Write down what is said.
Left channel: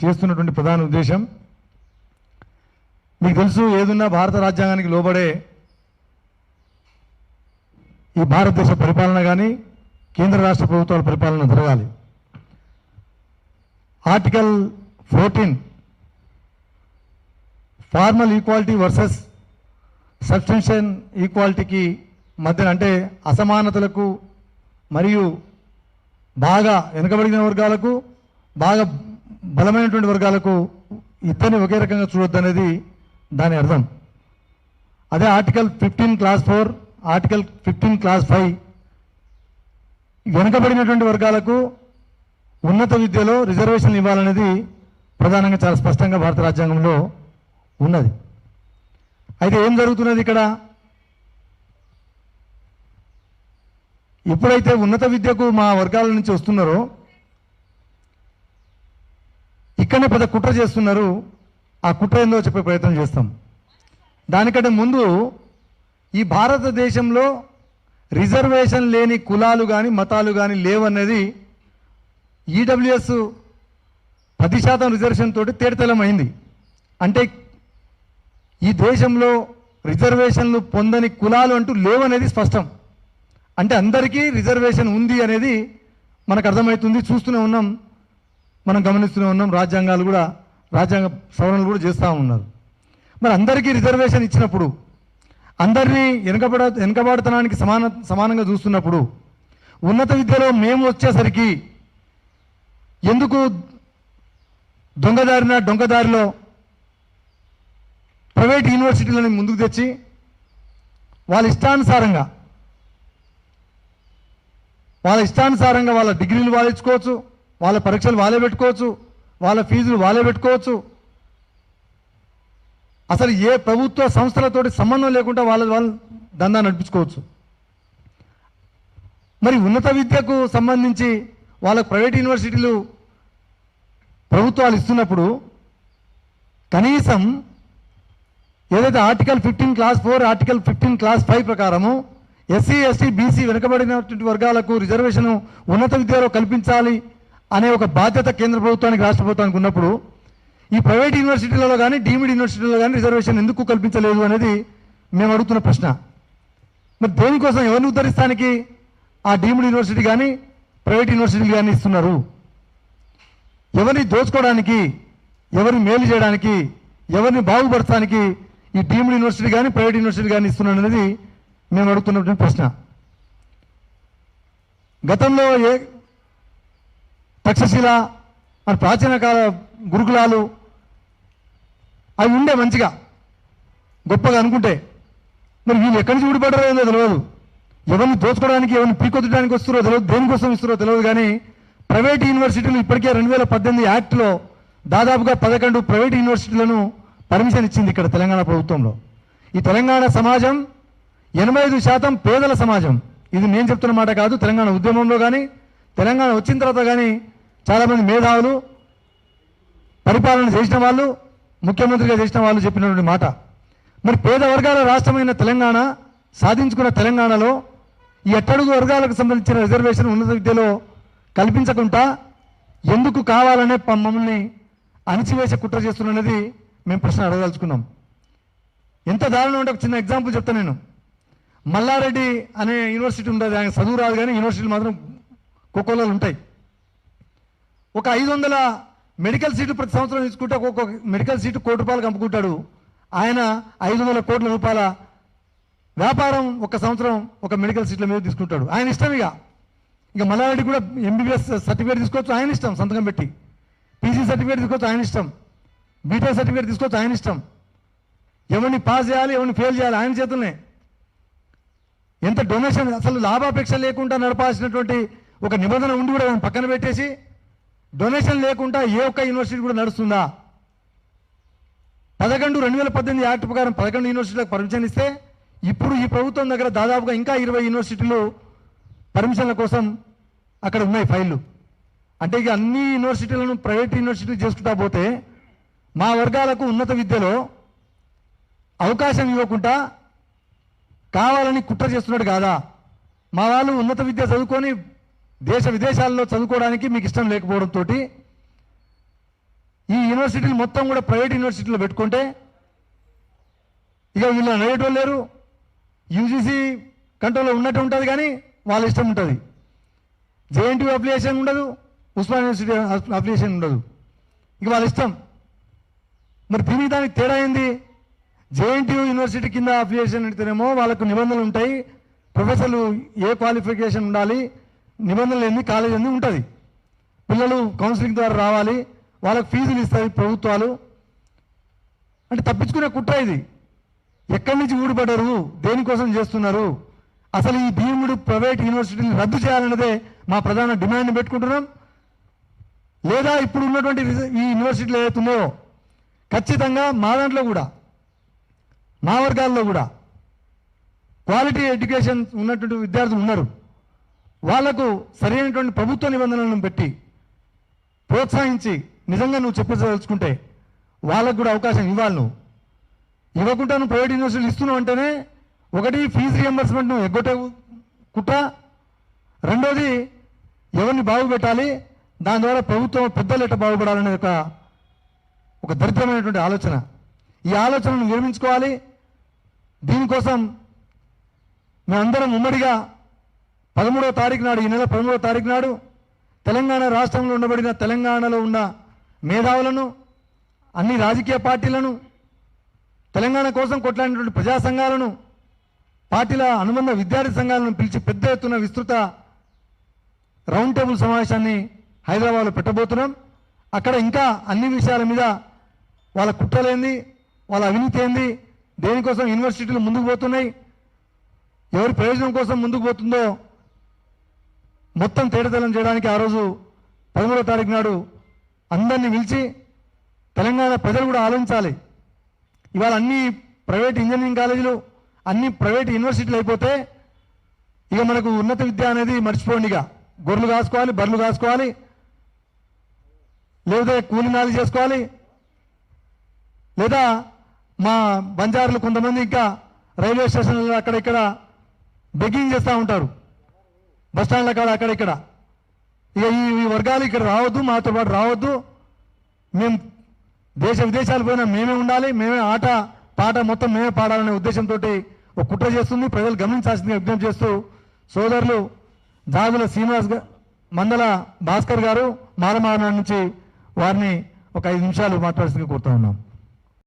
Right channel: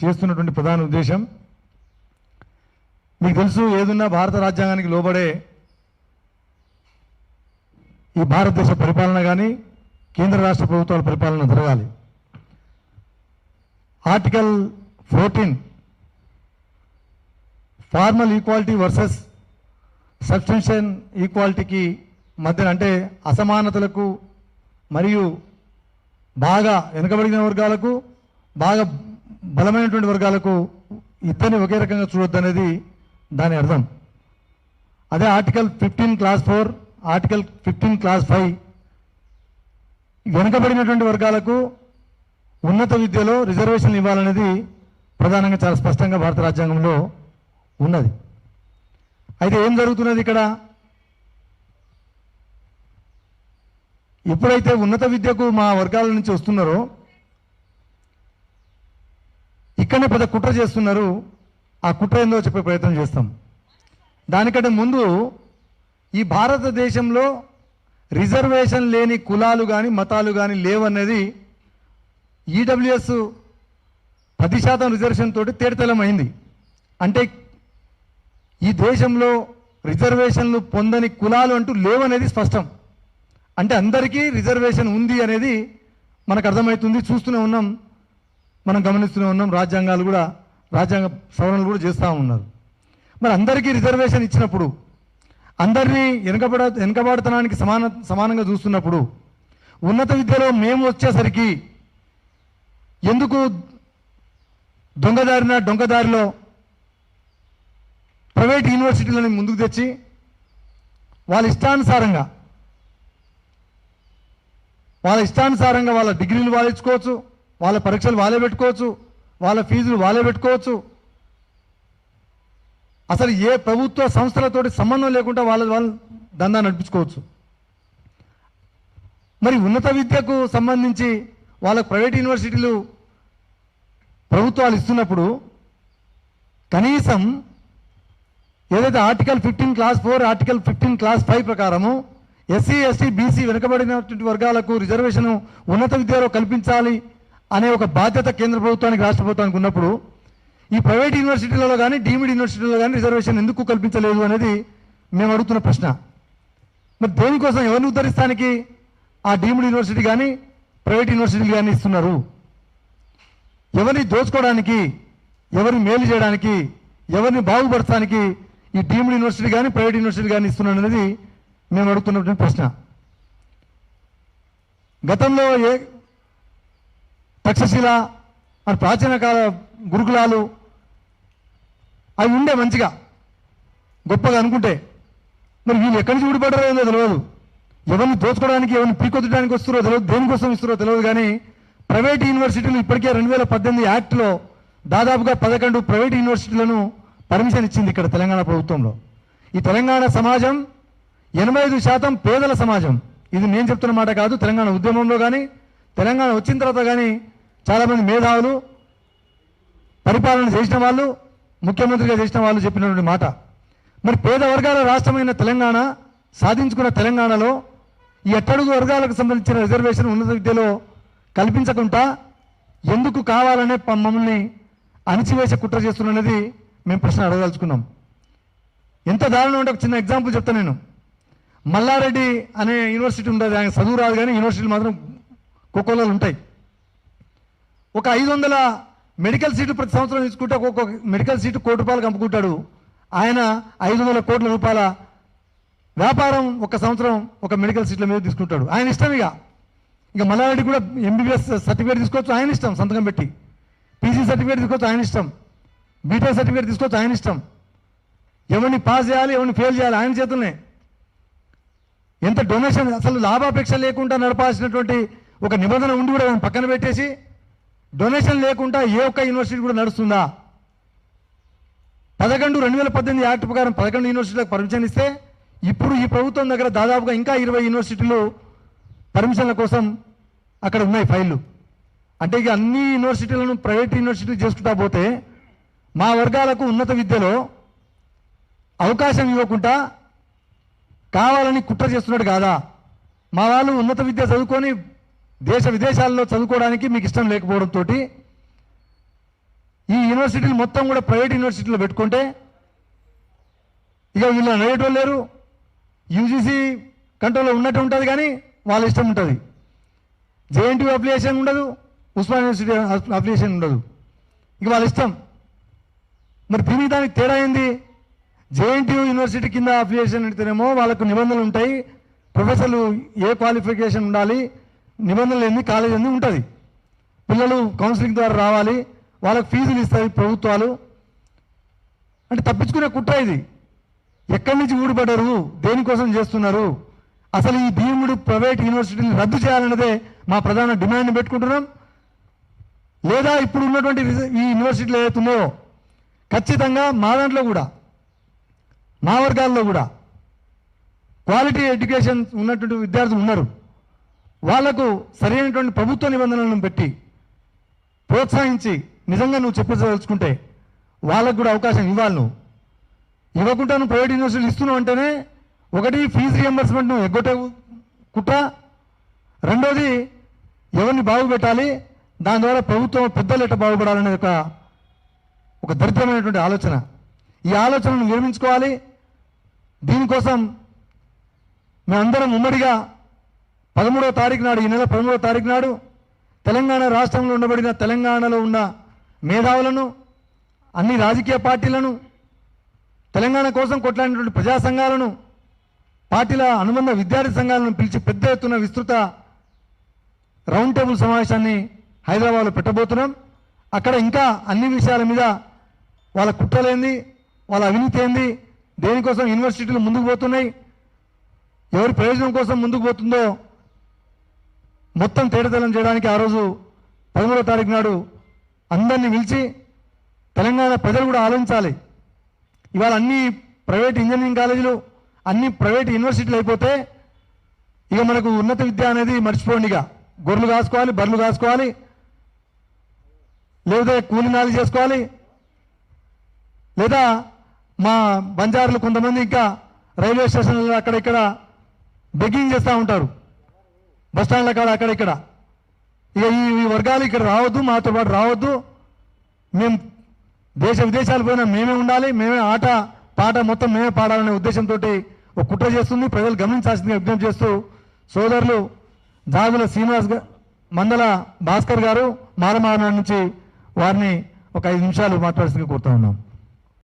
చేస్తున్నటువంటి ప్రధాన ఉద్దేశం మీకు తెలుసు, ఏదున్నా భారత రాజ్యాంగానికి లోబడే ఈ భారతదేశ పరిపాలన కానీ కేంద్ర రాష్ట్ర ప్రభుత్వాల పరిపాలన జరగాలి. Article 14 formal equality versus substantial ఈక్వాలిటీకి మధ్య, అంటే అసమానతలకు మరియు బాగా వెనుకబడిన వర్గాలకు బాగా బలమైనటువంటి వర్గాలకు ఇద్దరిని ఒకే రకంగా చూడొద్దు అనేది దాని అర్థం. అదే ఆర్టికల్ 15 క్లాస్ 4, ఆర్టికల్ 15 క్లాస్ 5 వెనుకబడినటువంటి వర్గాలకు ఉన్నత విద్యలో రిజర్వేషన్లు ఇవ్వాలనేది ప్రధానంగా చాలా స్పష్టంగా భారత రాజ్యాంగంలో ఉన్నది. అయితే ఏం జరుగుతున్నది ఇక్కడ? ఎప్పుడైతే ఉన్నత విద్యకు మా వర్గాల నుంచి వస్తున్నారో ఇక్కడనే పెద్ద కుట్ర చేస్తున్నారు. ఆ కుట్ర ఏందో చెప్పే ప్రయత్నం చేస్తాం. దానికంటే ముందు ఈ భారతదేశంలో రిజర్వేషన్ లేని కులాలు కానీ మతాలు కానీ లేవనేది ఈడబ్ల్యూఎస్ 10% రిజర్వేషన్ తోటి తేటతెల్లమైంది. అంటే ఈ దేశంలో రిజర్వేషన్లు పొందని కులాలు అంటూ లేవనేది స్పష్టం. అంటే అందరికీ రిజర్వేషన్ ఉంది అనేది మనకు అర్థమవుతుంది. చూస్తూనే ఉన్నాం, మనం గమనిస్తూనే ఉన్నాం. రాజ్యాంగ సవరణలు కూడా చేస్తూ ఉన్నారు. మరి అందరికీ రిజర్వేషన్ ఇచ్చినప్పుడు, అందరినీ వెనుకబడతనానికి సమానంగా చూస్తున్నప్పుడు, ఉన్నత విద్యలో మేము వచ్చేసరికి ఎందుకు దొంగదారిలో ప్రైవేట్ యూనివర్సిటీలను ముందుకు తెచ్చి వాళ్ళ ఇష్టానుసారంగా వాళ్ళ డిగ్రీలు వాళ్ళు ఇచ్చుకోవచ్చు, వాళ్ళ పరీక్షలు వాళ్ళే పెట్టుకోవచ్చు, వాళ్ళ ఫీజులు వాళ్ళే పెట్టుకోవచ్చు. అసలు ఏ ప్రభుత్వ సంస్థలతోటి సంబంధం లేకుండా వాళ్ళు దందా నడిపించుకోవచ్చు. మరి ఉన్నత విద్యకు సంబంధించి వాళ్ళకు ప్రైవేట్ యూనివర్సిటీలు ప్రభుత్వాలు ఇస్తున్నప్పుడు కనీసం ఏదైతే ఆర్టికల్ 15 క్లాస్ 4, ఆర్టికల్ 15 క్లాస్ 5 ప్రకారము ఎస్సీ, ఎస్టీ, బీసీ వెనుకబడినటువంటి వర్గాలకు రిజర్వేషన్ ఉన్నత విద్యలో కల్పించాలి అనే ఒక బాధ్యత కేంద్ర ప్రభుత్వానికి, రాష్ట్ర ప్రభుత్వానికి ఉన్నప్పుడు ఈ ప్రైవేట్ యూనివర్సిటీలలో కానీ డీమ్డ్ యూనివర్సిటీలలో కానీ రిజర్వేషన్ ఎందుకు కల్పించలేదు అనేది మేము అడుగుతున్న ప్రశ్న. మరి దేనికోసం, ఎవరిని ఉద్ధరిస్తానికి ఆ డీమ్డ్ యూనివర్సిటీ కానీ ప్రైవేట్ యూనివర్సిటీలు కానీ ఇస్తున్నారు? ఎవరిని దోచుకోవడానికి, ఎవరిని మేలు చేయడానికి, ఎవరిని బాగుపరచడానికి ఈ డీమ్డ్ యూనివర్సిటీ కానీ ప్రైవేట్ యూనివర్సిటీ కానీ ఇస్తున్నారు అనేది మేము అడుగుతున్నటువంటి ప్రశ్న. గతంలో తక్షశిల అని ప్రాచీన కాల గురుకులాలు అవి ఉండే మంచిగా గొప్పగా అనుకుంటే, మరి వీళ్ళు ఎక్కడి నుంచి ఊడిపడ్డారో ఏదో తెలియదు. ఎవరిని దోచుకోవడానికి, ఎవరిని పీకొత్తడానికి వస్తారో తెలియదు, దేనికోసం ఇస్తారో తెలియదు. కానీ ప్రైవేట్ యూనివర్సిటీలు ఇప్పటికే 2018 యాక్ట్లో దాదాపుగా 11 ప్రైవేట్ యూనివర్సిటీలను పర్మిషన్ ఇచ్చింది ఇక్కడ తెలంగాణ ప్రభుత్వంలో. ఈ తెలంగాణ సమాజం 85% పేదల సమాజం. ఇది నేను చెప్తున్న మాట కాదు. తెలంగాణ ఉద్యమంలో కానీ తెలంగాణ వచ్చిన తర్వాత కానీ చాలామంది మేధావులు, పరిపాలన చేసిన వాళ్ళు, ముఖ్యమంత్రిగా చేసిన వాళ్ళు చెప్పినటువంటి మాట. మరి పేద వర్గాల రాష్ట్రమైన తెలంగాణ సాధించుకున్న తెలంగాణలో ఈ అట్టడుగు వర్గాలకు సంబంధించిన రిజర్వేషన్ ఉన్నత విద్యలో కల్పించకుండా ఎందుకు కావాలనే మమ్మల్ని అణిచివేసే కుట్ర చేస్తున్నది మేము ప్రశ్న అడగదలుచుకున్నాం. ఎంత దారుణం అంటే ఒక చిన్న ఎగ్జాంపుల్ చెప్తాను నేను. మల్లారెడ్డి అనే యూనివర్సిటీ ఉండదు, ఆయన చదువు రాదు కానీ యూనివర్సిటీలు మాత్రం కోకోలో ఉంటాయి. ఒక 500 మెడికల్ సీట్లు ప్రతి సంవత్సరం తీసుకుంటే ఒక్కొక్క మెడికల్ సీటు ₹1 కోటి అమ్ముకుంటాడు. ఆయన 500 కోట్ల రూపాయల వ్యాపారం ఒక సంవత్సరం ఒక మెడికల్ సీట్ల మీద తీసుకుంటాడు. ఆయన ఇష్టం. ఇక మల్లారెడ్డి కూడా ఎంబీబీఎస్ సర్టిఫికేట్ తీసుకోవచ్చు, ఆయన ఇష్టం. సంతకం పెట్టి పీజీ సర్టిఫికేట్ తీసుకోవచ్చు, ఆయన ఇష్టం. బీటెక్ సర్టిఫికేట్ తీసుకోవచ్చు, ఆయన ఇష్టం. ఎవరిని పాస్ చేయాలి, ఎవరిని ఫెయిల్ చేయాలి ఆయన చేతుల్నే. ఎంత డొనేషన్, అసలు లాభాపేక్ష లేకుండా నడపాల్సినటువంటి ఒక నిబంధన ఉండి కూడా పక్కన పెట్టేసి డొనేషన్ లేకుండా ఏ ఒక్క యూనివర్సిటీ కూడా నడుస్తుందా? 2018 యాక్ట్ ప్రకారం 11 యూనివర్సిటీలకు పర్మిషన్ ఇస్తే ఇప్పుడు ఈ ప్రభుత్వం దగ్గర దాదాపుగా ఇంకా 20 యూనివర్సిటీలు పర్మిషన్ల కోసం అక్కడ ఉన్నాయి ఫైళ్లు. అంటే ఇక అన్ని యూనివర్సిటీలను ప్రైవేట్ యూనివర్సిటీలు చేసుకుంటా పోతే మా వర్గాలకు ఉన్నత విద్యలో అవకాశం ఇవ్వకుండా కావాలని కుట్ర చేస్తున్నాడు కాదా? మా వాళ్ళు ఉన్నత విద్య చదువుకొని దేశ విదేశాల్లో చదువుకోవడానికి మీకు ఇష్టం లేకపోవడంతో ఈ యూనివర్సిటీలు మొత్తం కూడా ప్రైవేట్ యూనివర్సిటీలో పెట్టుకుంటే ఇక వీళ్ళు నడిగేటోళ్ళు లేరు. యూజీసీ కంట్రోల్లో ఉన్నట్టు ఉంటుంది కానీ వాళ్ళ ఇష్టం ఉంటుంది. జేఎన్టీయూ అప్లికేషన్ ఉండదు, ఉస్మాన్ యూనివర్సిటీ అప్లికేషన్ ఉండదు, ఇక వాళ్ళ ఇష్టం. మరి దీనికి దానికి తేడా ఏంది? జేఎన్టీయూ యూనివర్సిటీ కింద అప్లికేషన్ పెడితేనేమో వాళ్ళకు నిబంధనలు ఉంటాయి, ప్రొఫెసర్లు ఏ క్వాలిఫికేషన్ ఉండాలి, నిబంధనలు ఎన్ని, కాలేజ్ ఎన్ని ఉంటుంది. పిల్లలు కౌన్సిలింగ్ ద్వారా రావాలి, వాళ్ళకు ఫీజులు ఇస్తాయి ప్రభుత్వాలు. అంటే తప్పించుకునే కుట్ర ఇది. ఎక్కడి నుంచి ఊడిపడ్డారు, దేనికోసం చేస్తున్నారు? అసలు ఈ భీముడు ప్రైవేట్ యూనివర్సిటీని రద్దు చేయాలన్నదే మా ప్రధాన డిమాండ్ పెట్టుకుంటున్నాం. లేదా ఇప్పుడు ఉన్నటువంటి ఈ యూనివర్సిటీలు ఏవైతున్నాయో ఖచ్చితంగా మా దాంట్లో కూడా, మా వర్గాల్లో కూడా క్వాలిటీ ఎడ్యుకేషన్ ఉన్నటువంటి విద్యార్థులు ఉన్నారు. వాళ్లకు సరైనటువంటి ప్రభుత్వ నిబంధనలను పెట్టి ప్రోత్సహించి నిజంగా నువ్వు చెప్పదలుచుకుంటే వాళ్ళకు కూడా అవకాశం ఇవ్వాలి. నువ్వు ఇవ్వకుండా నువ్వు ప్రైవేట్ యూనివర్సిటీలు ఇస్తున్నావు అంటేనే ఒకటి ఫీజు రియంబర్స్మెంట్ నువ్వు ఎగ్గొట్టే కుట్ర, రెండోది ఎవరిని బాగుపెట్టాలి, దాని ద్వారా ప్రభుత్వం పెద్దలు ఎట్ట బాగుపడాలనే ఒక దరిద్రమైనటువంటి ఆలోచన. ఈ ఆలోచనను నిర్మించుకోవాలి. దీనికోసం మేమందరం ఉమ్మడిగా 13వ తారీఖు నాడు, ఈ నెల 13వ తారీఖు నాడు తెలంగాణ రాష్ట్రంలో ఉండబడిన తెలంగాణలో ఉన్న మేధావులను, అన్ని రాజకీయ పార్టీలను, తెలంగాణ కోసం కొట్లాడినటువంటి ప్రజా సంఘాలను, పార్టీల అనుబంధ విద్యార్థి సంఘాలను పిలిచి పెద్ద ఎత్తున విస్తృత రౌండ్ టేబుల్ సమావేశాన్ని హైదరాబాద్లో పెట్టబోతున్నాం. అక్కడ ఇంకా అన్ని విషయాల మీద వాళ్ళ కుట్రలేంది, వాళ్ళ అవినీతి ఏంది, దేనికోసం యూనివర్సిటీలు ముందుకు పోతున్నాయి, ఎవరి ప్రయోజనం కోసం ముందుకు పోతుందో మొత్తం తేటతెల్లం చేయడానికి ఆ రోజు 13వ తారీఖు నాడు అందరినీ పిలిచి తెలంగాణ ప్రజలు కూడా ఆలోచించాలి. ఇవాళ అన్ని ప్రైవేట్ ఇంజనీరింగ్ కాలేజీలు, అన్ని ప్రైవేట్ యూనివర్సిటీలు అయిపోతే ఇక మనకు ఉన్నత విద్య అనేది మర్చిపోండి. ఇక గొర్రెలు కాసుకోవాలి, బర్రెలు కాసుకోవాలి, లేదా కూలినాలు చేసుకోవాలి, లేదా మా బంజారులు కొంతమంది ఇంకా రైల్వే స్టేషన్లలో అక్కడ ఇక్కడ బెగ్గింగ్ చేస్తూ ఉంటారు, బస్టాండ్ల కాడ అక్కడ ఇక్కడ. ఇక ఈ వర్గాలు ఇక్కడ రావద్దు, మాతో పాటు రావద్దు, మేము దేశ విదేశాలు పోయినా మేమే ఉండాలి, మేమే ఆట పాట మొత్తం మేమే పాడాలనే ఉద్దేశంతో ఒక కుట్ర చేస్తుంది. ప్రజలు గమనించాల్సిందిగా విజ్ఞప్తి చేస్తూ సోదరులు జాగుల శ్రీనివాస్, మందల భాస్కర్ గారు మారమాన నుంచి వారిని ఒక 5 నిమిషాలు మాట్లాడాల్సిందిగా కోరుతా ఉన్నాం.